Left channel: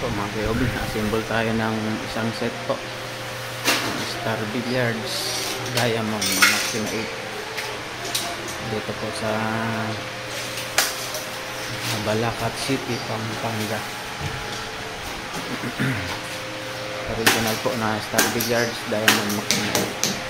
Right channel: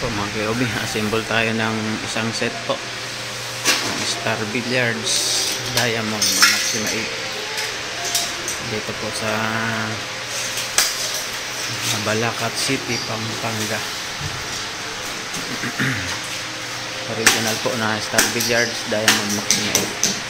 po mga kayobi, assemble tayo ng isang set po ng Star Billiards Diamond Maxima 8 dito po sa Balacat City, Pampanga. Original po na Star Billiards Diamond Maxima 8.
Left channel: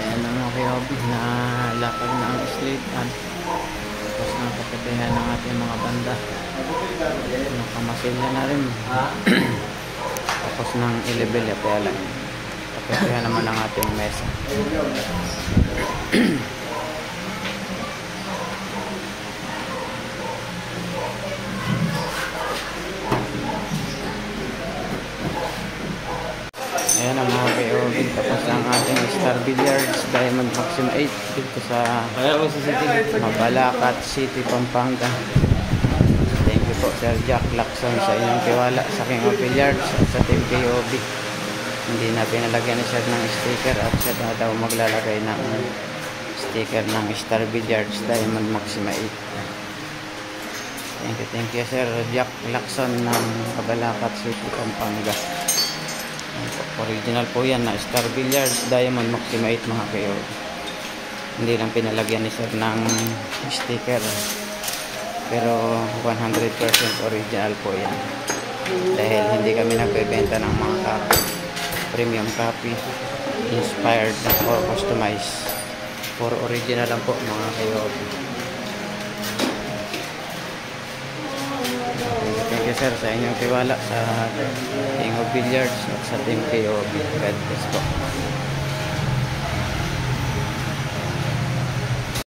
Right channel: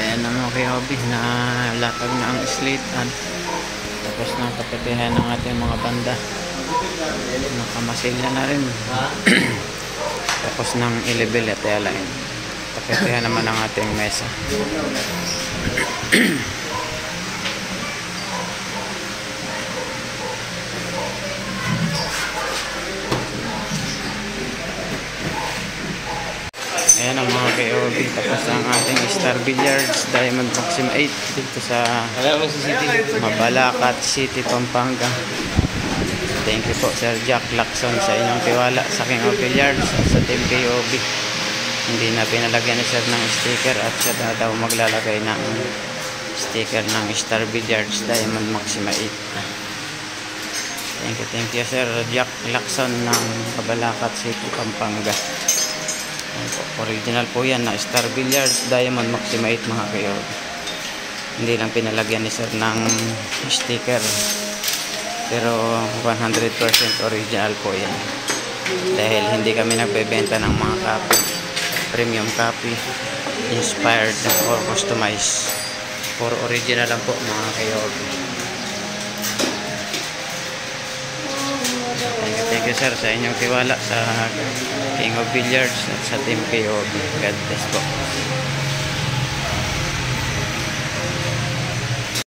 Ayan na mga kayobi, na latag na ang slate at tapos na kapatuhan ng ating mga banda, nakamasilya na rin. Tapos ng i-level at align, kapatuhan naman ang ating mesa. Ayan ang mga KOB, tapos ang ating Star Billiards Diamond Maxima 8 dito sa Balacat City, Pampanga. Thank you po Sir Jack Lacson sa inyong tiwala sa King of Billiards at sa Team KOB. Hindi na pinalagyan ni Sir ng sticker at siya na daw maglalagay ng sticker ng Star Billiards Diamond Maxima 8. Thank you Sir Jack Lacson ng Balacat City, Pampanga. Original po yan na Star Billiards Diamond Maxima 8 mga kayo. Hindi lang pinalagyan ni Sir ng sticker, pero 100% original po yan, dahil hindi kami nagbebenta ng mga copy, premium copy, inspired or customized. For original lang po mga kayo. Thank you sir sa inyong tiwala sa King of Billiards at sa Team KOB. God bless po.